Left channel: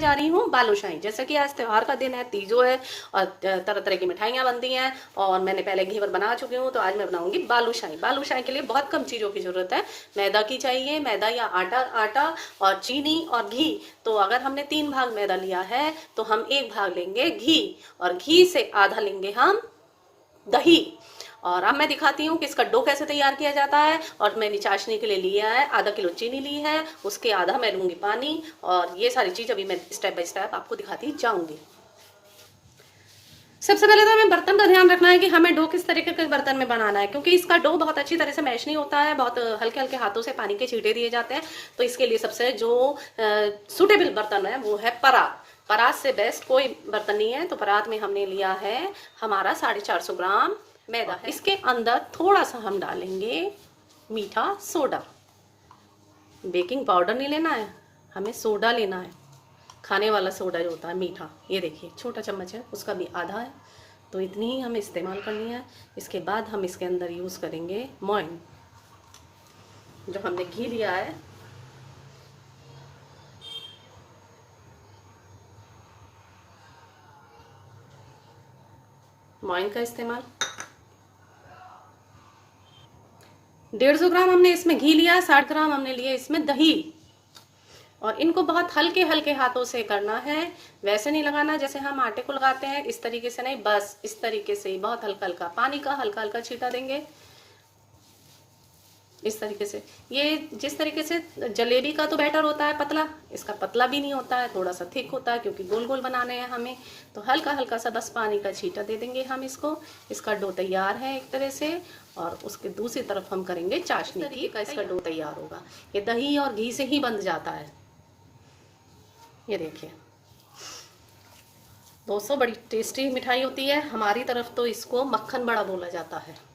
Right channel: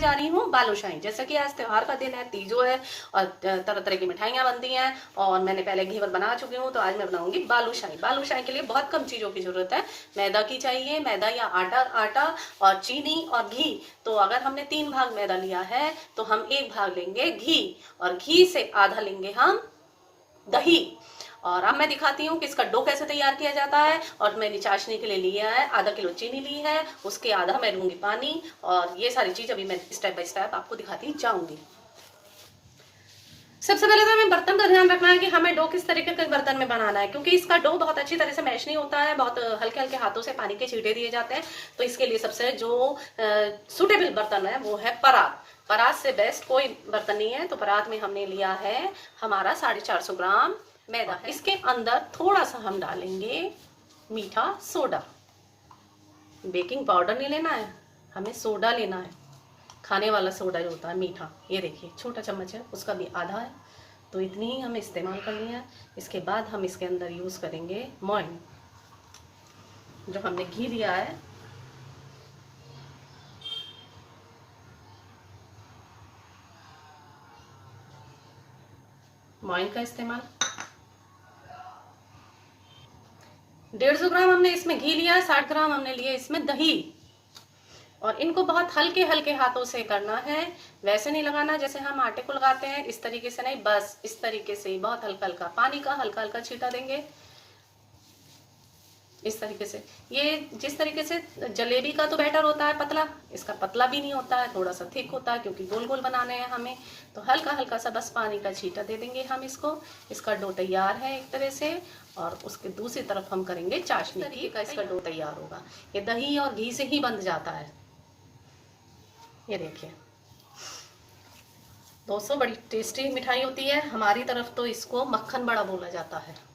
जा रही हूँ बालूशाही। जैसा कि आज त्योहार का दिन है, तीजो है और तरह तरह की मिठाइयाँ बनती हैं और मैंने पहले घेवर बना चुकी हूँ, तो आज मैं बनाऊंगी बालूशाही। बालूशाही के लिए बहुत कम चीज़ों की जरूरत है। मैदा की चाहिए, मैदा या आटा, आटा और चीनी और घी। तो अगर हमने 3 भाग मैदा लिया है तो हम 1 भाग लेंगे घी, और घी से आधा लेंगे हम दही। और अब मैं दिखाती हूँ कि इसका डो कैसे तैयार किया जाता है। और मैंने चाशनी के लिए लिया है आधा किलो चीनी ली है, उसके आधा मैं लूंगी पानी, और ये सारी चीज अभी मैं स्टेप बाय स्टेप आपको दिखाती जाऊंगी। सबसे पहले तो हमें बर्तन का ध्यान रखना है कि हमें डो किस तरीके के बर्तन में बनाना है, क्योंकि इसका डो बहुत अच्छी तरह से मैश नहीं होता है, बहुत हल्के हल्के हाथों से पानी के छींटे दिए जाते हैं। तो इसके लिए सबसे जो सुटेबल बर्तन है वो है परात। परात से बेस्ट कोई बर्तन नहीं है। तो परात में हमने लिया है हमारा 450 ग्राम मैदा है। इसके अंदर थोड़ा सा हम डालेंगे मीठा सोडा। बेकिंग पाउडर नहीं लेना है, हमें सोडा लेना है, खाने वाला सोडा जो होता है मीठा। ये देखिए छोटा चम्मच है, उसका भी आधा है, तो इतनी ही हमें इस्तेमाल करनी है। इसके बाद हम इसके अंदर यूज करेंगे मोइन, जो हमने घी लिया है। मोइन का इस्तेमाल 150 ग्राम हमने इसमें घी लिया, 60 ग्राम हमने लिए इसमें दही। और इनको बहुत हल्के हल्के हाथों से करना है, वैसे नहीं लगाना जैसे हम आटे को लगाते हैं, इस तरीके से नहीं, बस इस तरीके से बहुत हल्का हल्का पानी का हल्का हल्का छींटा देंगे इस तरीके से। ये जिस तरीके से जलेबी का तो बैटर होता है पतला, इसका पतला भी नहीं होता है, थोड़ा सा थिक होता है, क्योंकि गोल गोल बनाने हैं हमें। तो हल्का हल्का सा बस पानी का छींटा दे देंगे हम इसको। इसका डो तैयार है एक तरह से। और उसके दूसरी तरफ हम करेंगे चाशनी की का इसका डो तैयार होगा। ये दही और घी से ही बंध जाता है। ये देखिए दोस्तों, बड़ी टेस्टी मिठाई होती है। हमारी तरफ तो इसको मक्खन बड़ा बोला जाता है।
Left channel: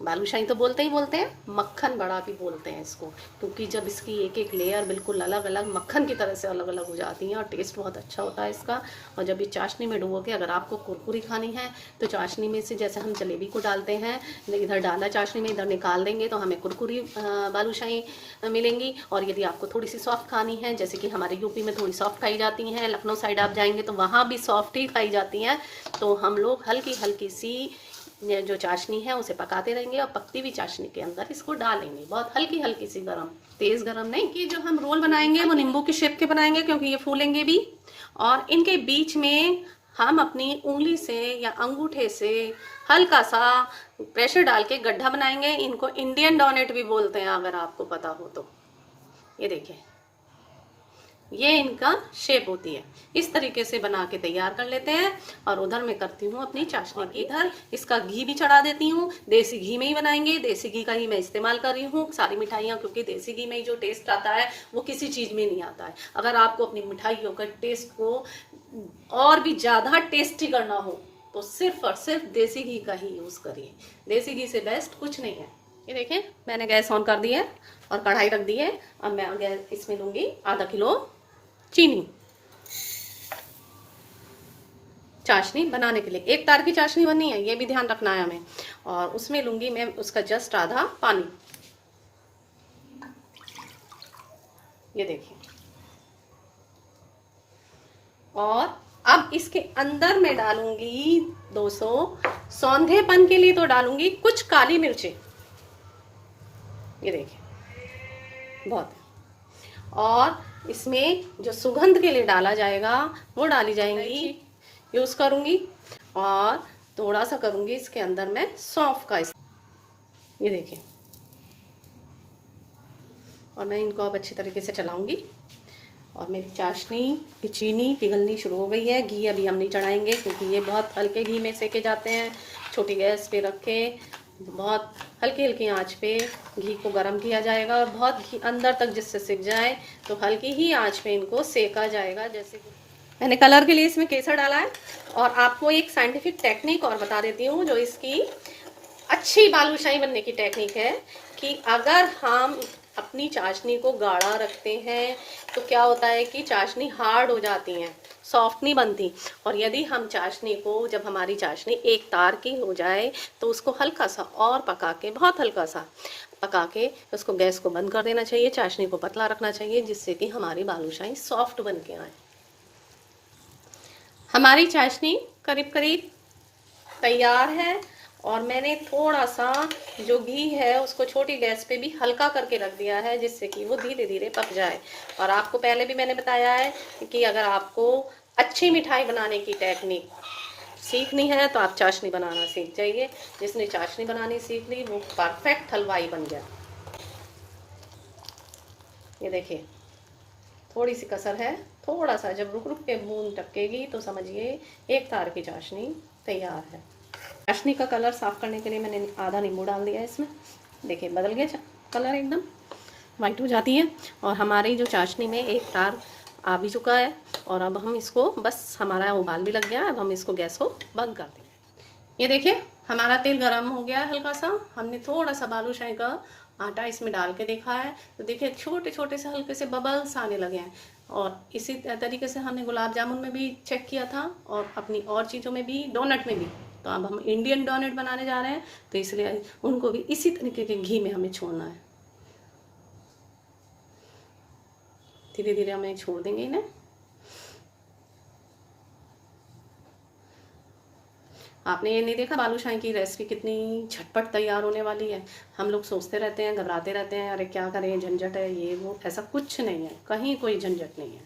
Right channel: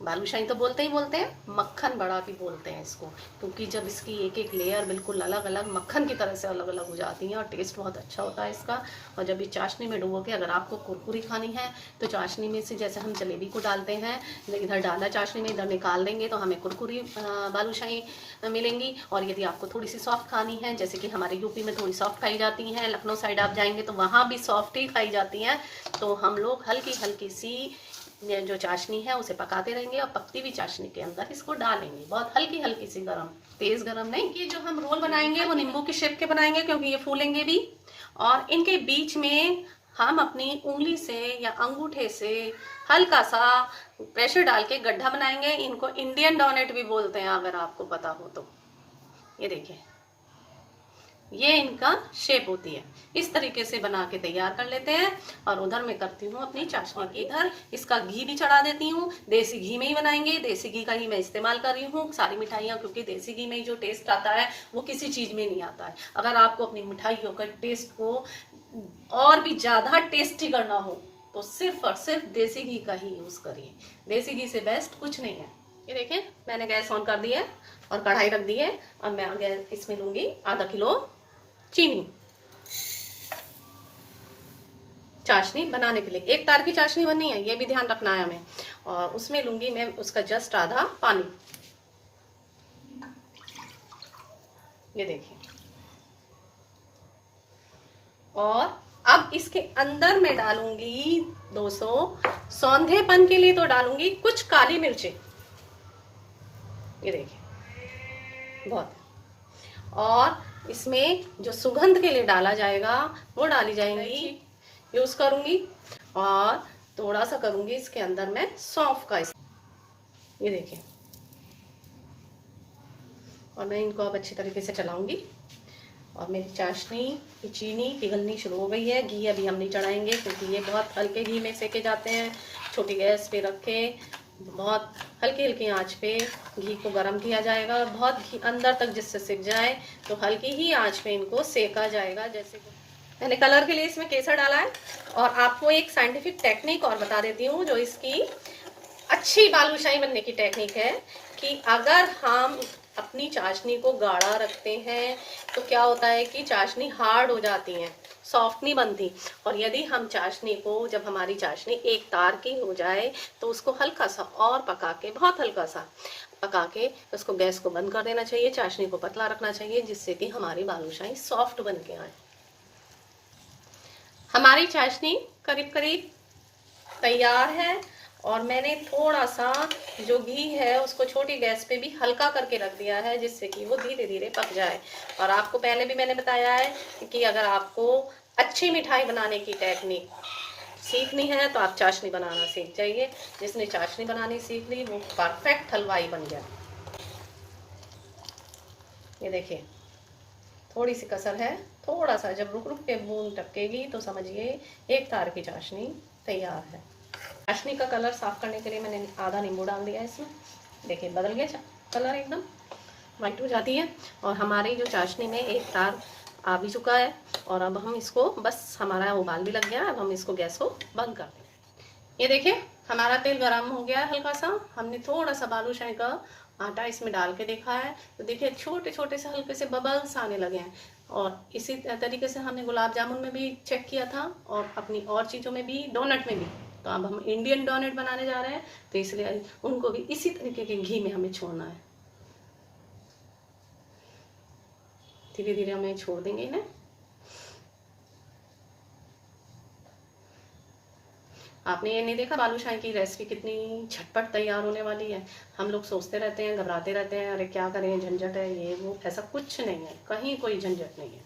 बालूशाही तो बोलते ही बोलते हैं, मक्खन बड़ा भी बोलते हैं इसको, क्योंकि जब इसकी एक एक लेयर बिल्कुल अलग अलग मक्खन की तरह से अलग अलग हो जाती हैं और टेस्ट बहुत अच्छा होता है इसका। और जब ये चाशनी में डुबो के, अगर आपको कुरकुरी खानी है तो चाशनी में से जैसे हम जलेबी को डालते हैं, इधर डाला चाशनी में, इधर निकाल देंगे तो हमें कुरकुरी बालूशाही मिलेंगी। और यदि आपको थोड़ी सी सॉफ्ट खानी है, जैसे कि हमारे यूपी में थोड़ी सॉफ्ट खाई जाती हैं, लखनऊ साइड आप जाएंगे तो वहाँ भी सॉफ्ट ही खाई जाती हैं, तो हम लोग हल्की हल्की सी जो चाशनी है उसे पकाते रहेंगे और पकती हुई चाशनी के अंदर इसको डालेंगे, बहुत हल्की हल्की सी गरम, तेज गरम नहीं। कि जो हम रोल बनाएंगे वो नींबू के शेप के बनाएंगे, क्योंकि ये फूलेंगे भी। और इनके बीच में हम अपनी उंगली से या अंगूठे से हल्का सा प्रेशर डाल के गड्ढा बनाएंगे। इनको इंडियन डोनेट भी बोलते हैं, अगर आपको पता हो तो। ये देखिए, ये इनका शेप होती है। इस तरीके से बना के तैयार कर लेते हैं। और उधर मैं करती हूँ अपनी चाशनी की, इधर इसका घी भी चढ़ा देती हूँ। देसी घी में ही बनाएंगे, देसी घी का ही मैं इस्तेमाल कर रही हूँ सारी मिठाइयाँ, क्योंकि देसी घी में ही जो टेस्ट आता है वो किसी चीज में नहीं आता है। अगर आपको अपनी मिठाइयों का टेस्ट को और भी ज्यादा टेस्टी करना हो तो सिर्फ और सिर्फ देसी घी का ही यूज करिए। देसी घी से बेस्ट कुछ नहीं है। ये देखें, मैंने गैस ऑन कर दिया है और कढ़ाई रख दी है। अब मैं इसमें लूंगी आधा किलो चीनी। चाशनी बनाने के लिए 1 तार की चाशनी बननी है, ये भी ध्यान रखना है हमें। और उसमें लूंगी मैं उसका जस्ट आधा पानी। ये देखिए, और अब इसके अंदर मैं डालूंगी 200 सौंधेपन के लिए तो डालूंगी कुछ काली मिर्चें। ये देखिए बहुत है। और इसमें जो सुगंध के लिए डाला जाएगा वो डाली जाएंगी, यूज करूंगी। और थोड़ा सा करूंगी इसके अंदर मैं सौंफ का। ये देखिए, और मैं इनको अब अच्छी तरीके से चलाऊंगी। और मेरी चाशनी की चीनी पिघलनी शुरू हो गई है। घी अभी हम नहीं चढ़ाएंगे, क्योंकि ये बहुत हल्के घी में सेके जाते हैं। छोटी गैस पे रख के बहुत हल्की हल्की आंच पे घी को गर्म किया जाएगा, और बहुत घी अंदर तक जिससे सिक जाए, तो हल्की ही आंच पे इनको सेका जाएगा। जैसे मैंने कलर के लिए इसमें केसर डाला है। और आपको एक साइंटिफिक टेक्निक और बता देती हूँ, जो इसकी अच्छी बालूशाही बनने की टेक्निक है, कि अगर हम अपनी चाशनी को गाढ़ा रखते हैं तो क्या होता है कि चाशनी हार्ड हो जाती है, सॉफ्ट नहीं बनती। और यदि हम चाशनी को, जब हमारी चाशनी 1 तार की हो जाए, तो उसको हल्का सा और पका के, बहुत हल्का सा पका के उसको गैस को बंद कर देना चाहिए। चाशनी को पतला रखना चाहिए, जिससे कि हमारी बालूशाही सॉफ्ट बन के आए। हमारी चाशनी करीब करीब तैयार है। और मैंने थोड़ा सा जो घी है उसको छोटी गैस पे भी हल्का करके रख दिया है, जिससे कि वो धीरे धीरे पक जाए। और आपको पहले भी मैंने बताया है कि अगर आपको अच्छी मिठाई बनाने की टेक्निक सीखनी है तो आप चाशनी बनाना सीख जाइए। जिसने चाशनी बनानी सीख ली वो परफेक्ट हलवाई बन गया। ये देखिए थोड़ी सी कसर है, थोड़ा सा जब रुक रुक के बूंद टपकेगी तो समझिए एक तार की चाशनी तैयार है। चाशनी का कलर साफ करने के लिए मैंने आधा नींबू डाल दिया है इसमें। देखिए बदल गया कलर, एकदम वाइट हो जाती है। और हमारी जो चाशनी में एक तार आ भी चुका है। और अब हम इसको, बस हमारा उबाल भी लग गया, अब हम इसको गैस को बंद कर देंगे। ये देखिए हमारा तेल गरम हो गया है हल्का सा। हमने थोड़ा सा बालूशाही का आटा इसमें डाल के देखा है तो देखिए छोटे छोटे से हल्के से बबल्स आने लगे हैं। और इसी तरीके से हमने गुलाब जामुन में भी चेक किया था और अपनी और चीज़ों में भी, डोनट में भी। तो अब हम इंडियन डोनट बनाने जा रहे हैं तो इसलिए उनको भी इसी तरीके के घी में हमें छोड़ना है। धीरे धीरे हमें छोड़ देंगे इन्हें। आपने ये नहीं देखा बालूशाही की रेसिपी कितनी झटपट तैयार होने वाली है। हम लोग सोचते रहते हैं, घबराते रहते हैं, अरे क्या करें, झंझट है ये वो। ऐसा कुछ नहीं है, कहीं कोई झंझट नहीं है।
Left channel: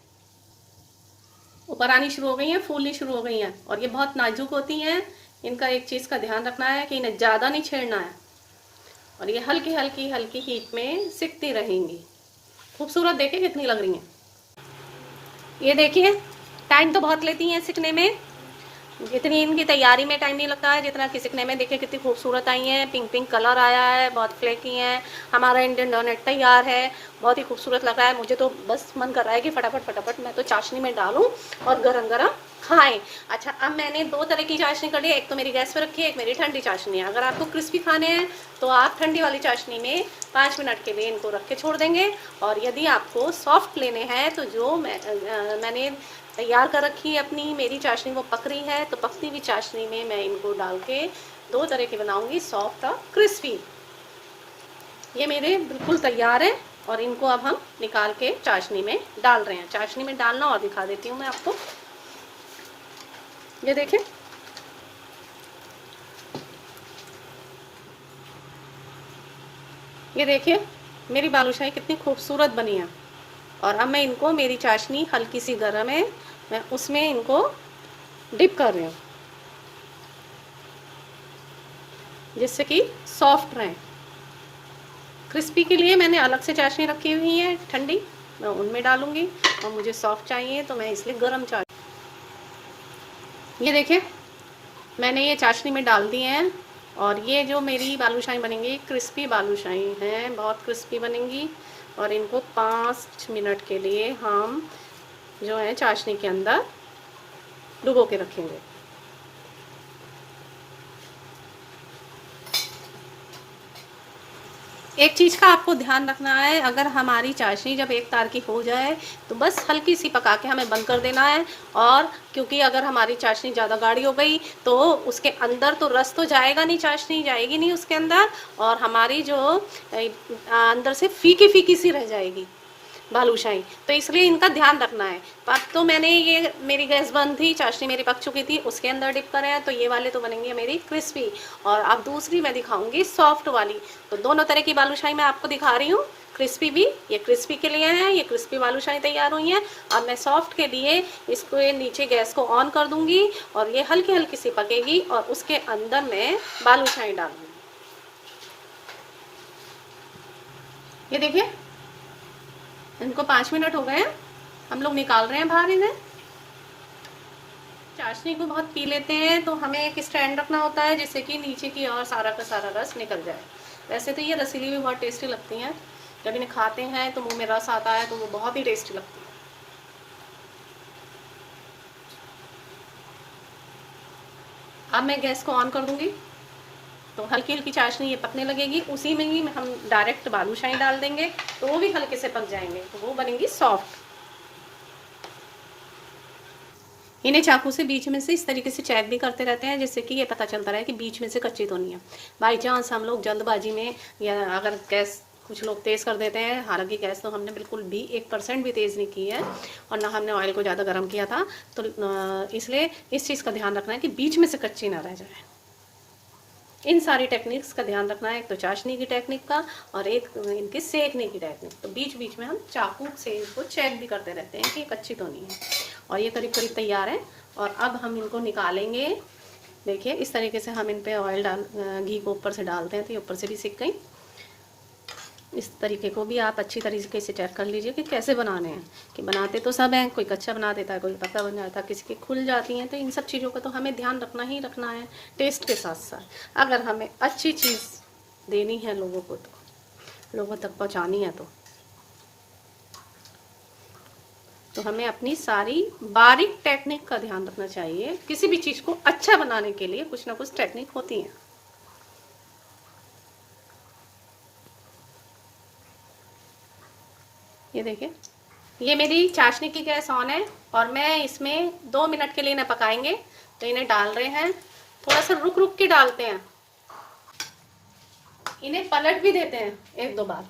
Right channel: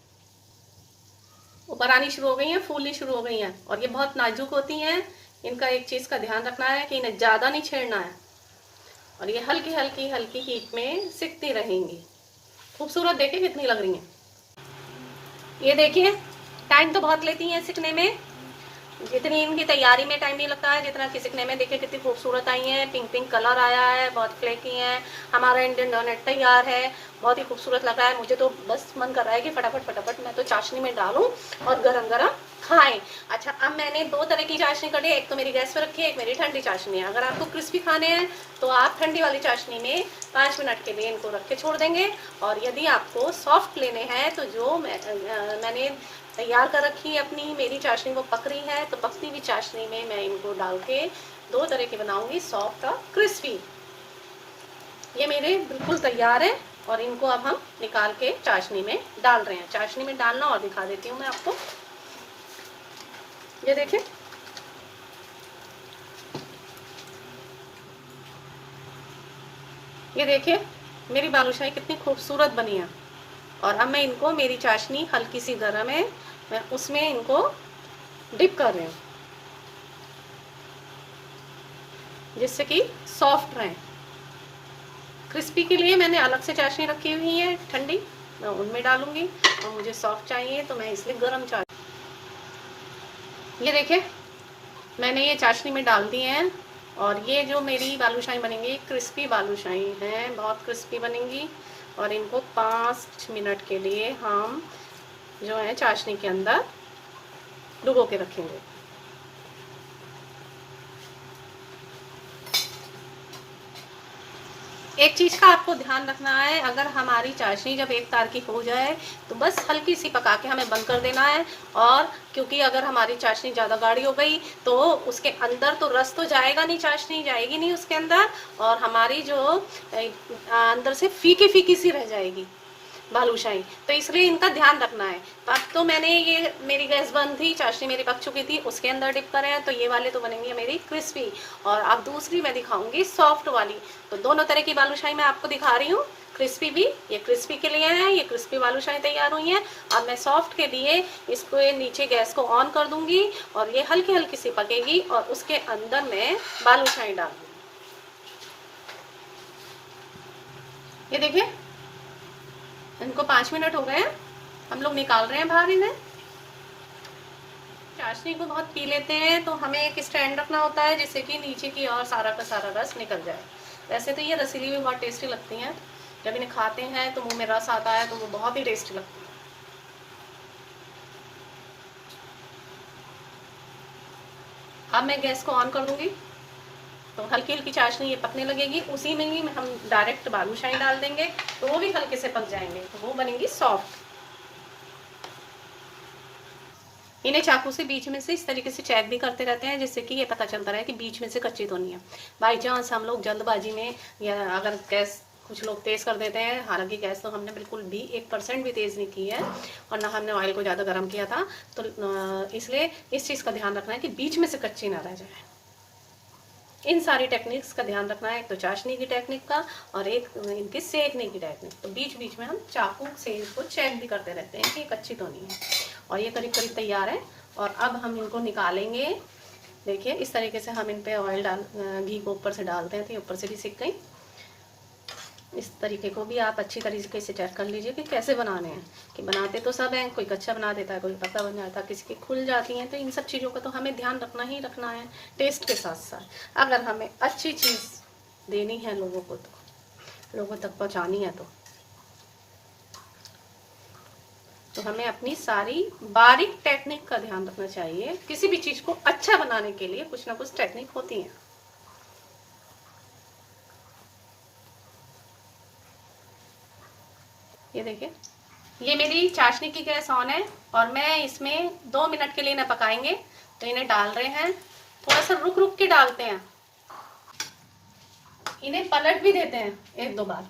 ऊपर आनी शुरू हो गई हैं, फूलनी शुरू हो गई हैं। और ये बहुत नाजुक होती हैं। इनका एक चीज़ का ध्यान रखना है कि इन्हें ज़्यादा नहीं छेड़ना है। और ये हल्की हल्की हल्की हीट में सिकती रहेंगी। खूबसूरत देखिए कितनी लग रही हैं। ये देखिए टाइम तो बहुत लेती हैं सिकने में, जितनी इनकी तैयारी में टाइम नहीं लगता है जितना कि सिकने में। देखिए कितनी खूबसूरत आई है, पिंक पिंक कलर आया है, बहुत फ्लेकी हैं। हमारा इंडियन डोनट तैयार है, बहुत ही खूबसूरत लग रहा है। मुझे तो बस मन कर रहा है कि फटाफट फटाफट मैं तो चाशनी में डालूं और गरम गरम खाएं। अच्छा, अब मैंने दो तरह की चाशनी कर ली, एक तो मेरी गैस पे रखी है, एक मेरी ठंडी चाशनी है। अगर आपको क्रिस्पी खाने हैं तो आप ठंडी वाली चाशनी में 5 मिनट के लिए इनको रख के छोड़ देंगे। और यदि आपको सॉफ्ट लेने हैं तो जो मैंने तैयार कर रखी है अपनी, मेरी चाशनी वो पक रही है, तो पकती हुई चाशनी में मैं इनको डाल के दो तरह के बनाऊंगी, सॉफ्ट और क्रिस्पी। ये मेरे बिल्कुल तैयार है और इनको अब हम निकाल के चाशनी में डाल रहे हैं। चाशनी में डालना और दिखा देती हूँ मैं आपको। ये देखिए ये देखिए मेरी बालूशाही कितनी खूबसूरत बनी है। और अब मैं इनको, मेरी चाशनी हल्की सी गर्म है, मैं उसमें इनको डिप कर रही हूँ जिससे कि सॉफ्ट रहें। क्रिस्पी के लिए मैंने अलग से चाशनी रखी हुई है ठंडी, मैं उनमें डालूंगी। और मुझे सॉफ्ट चाहिए तो मैं इसलिए गर्म चाशनी। ये देखिए मैंने ये चाशनी में डाल दिए हैं। और ये जो मेरी बालूशाही बनेंगी क्रिस्पी बालूशाही हैं, बहुत क्रिस्पी बनेंगी। और इनको 5 मिनट के लिए हम जो है चाशनी के अंदर डुबो के रखेंगे। एक चीज़ का आपको ध्यान रखना है, अगर हमारी चाशनी जब एक तार की हो जाए तो बस हल्की सी पका के हमें बंद कर देना है। और क्योंकि अगर हमारी चाशनी ज़्यादा गाढ़ी हो गई तो उसके अंदर तो रस तो जाएगा नहीं, चाशनी जाएगी नहीं उसके अंदर, और हमारी जो अंदर से फीकी फीकी सी रह जाएगी बालूशाही। तो इसलिए इनका ध्यान रखना है। तो अब तो मैंने, ये मेरी गैस बंद थी, चाशनी मेरी पक चुकी थी, उसके अंदर डिप करा है, तो ये वाले तो बनेंगे मेरी क्रिस्पी। और अब दूसरी मैं दिखाऊंगी सॉफ्ट वाली। तो दोनों तरह की बालूशाही मैं आपको दिखा रही हूँ। क्रिस्पी भी, ये क्रिस्पी के लिए है, ये क्रिस्पी बालूशाही तैयार हुई है। अब मैं सॉफ्ट के लिए इसको नीचे गैस को ऑन कर दूंगी और ये हल्की हल्की सी पकेगी और उसके अंदर मैं बालूशाही डालूंगी। ये देखिए इनको 5 मिनट हो गए, हम लोग निकाल रहे हैं बाहर इन्हें। चाशनी को बहुत पी लेते हैं तो हमें एक स्टैंड रखना होता है जिससे कि नीचे की और सारा का सारा रस निकल जाए। वैसे तो ये रसीली भी बहुत टेस्टी लगती हैं, जब इन्हें खाते हैं तो मुंह में रस आता है तो वो बहुत ही टेस्टी लगती है। अब मैं गैस को ऑन कर दूंगी तो हल्की हल्की चाशनी ये पकने लगेगी। उसी में ही हम डायरेक्ट बालूशाही डाल देंगे तो वो भी हल्के से पक जाएंगे, तो वो बनेंगी सॉफ्ट। इन्हें चाकू से बीच में से इस तरीके से चेक भी करते रहते हैं जिससे कि ये पता चलता रहे कि बीच में से कच्ची तो नहीं है। बाई चांस हम लोग जल्दबाजी में या अगर गैस कुछ लोग तेज़ कर देते हैं, हालांकि गैस तो हमने बिल्कुल भी 1% भी तेज़ नहीं की है और ना हमने ऑयल को ज़्यादा गर्म किया था। तो इसलिए इस चीज़ का ध्यान रखना है कि बीच में से कच्ची ना रह जाए। इन सारी टेक्निक्स का ध्यान रखना है, एक तो चाशनी की टेक्निक का और एक इनके सेकने की टेक्निक। तो बीच बीच में हम चाकू से इसको चेक भी करते रहते हैं कि कच्ची तो नहीं है। और ये करीब करीब तैयार है और अब हम इनको निकालेंगे। देखिए इस तरीके से हम इन पे ऑयल घी को ऊपर से डालते हैं तो ये ऊपर से भी सिक गई। इस तरीके को भी आप अच्छी तरीके से चेक कर लीजिए कि कैसे बनाने हैं, कि बनाते तो सब हैं, कोई कच्चा बना देता है, कोई पतला बन जाता है, किसी की खुल जाती हैं। तो इन सब चीज़ों का तो हमें ध्यान रखना ही रखना है टेस्ट के साथ साथ। अगर हमें अच्छी चीज़ देनी है लोगों को, तो लोगों तक पहुंचानी है, तो हमें अपनी सारी बारीक टेक्निक का ध्यान रखना चाहिए। किसी भी चीज़ को अच्छा बनाने के लिए कुछ ना कुछ टेक्निक होती है। ये देखिए, ये मेरी चाशनी की गैस ऑन है और मैं इसमें 2 मिनट के लिए इन्हें पकाएंगे। तो इन्हें डाल रहे हैं, थोड़ा सा रुक रुक के डालते हैं, इन्हें पलट भी देते हैं 1-2 बार।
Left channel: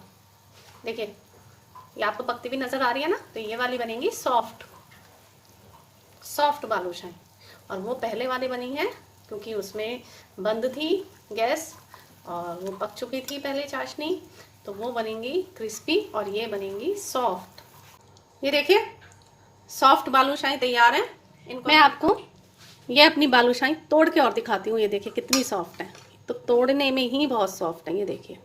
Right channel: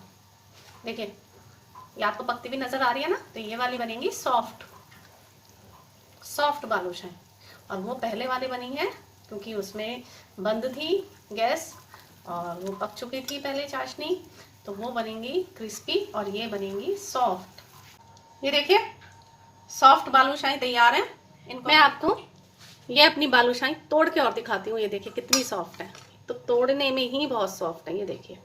देखिए ये आपको पकती हुई नजर आ रही है ना, तो ये वाली बनेंगी सॉफ्ट सॉफ्ट बालूशाही। और वो पहले वाली बनी है क्योंकि उसमें बंद थी गैस और वो पक चुकी थी पहले चाशनी, तो वो बनेंगी क्रिस्पी और ये बनेंगी सॉफ्ट। ये देखिए सॉफ्ट बालूशाही तैयार है। इनको मैं आपको ये अपनी बालूशाही तोड़ के और दिखाती हूँ। ये देखिए कितनी सॉफ्ट है, तो तोड़ने में ही बहुत सॉफ्ट है। ये देखिए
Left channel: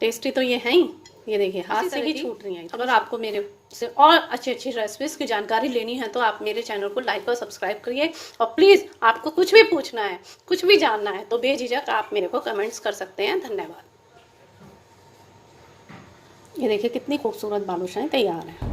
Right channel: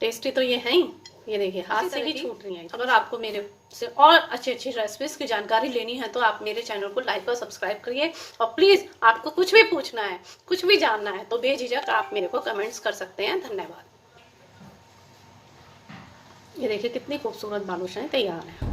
टेस्टी तो ये है ही। ये देखिए हाथ से ही छूट रही है। अगर आपको मेरे से और अच्छी अच्छी रेसिपीज की जानकारी लेनी है तो आप मेरे चैनल को लाइक और सब्सक्राइब करिए। और प्लीज़ आपको कुछ भी पूछना है, कुछ भी जानना है तो बेझिझक आप मेरे को कमेंट्स कर सकते हैं। धन्यवाद। ये देखिए कितनी खूबसूरत बालूशाही तैयार है।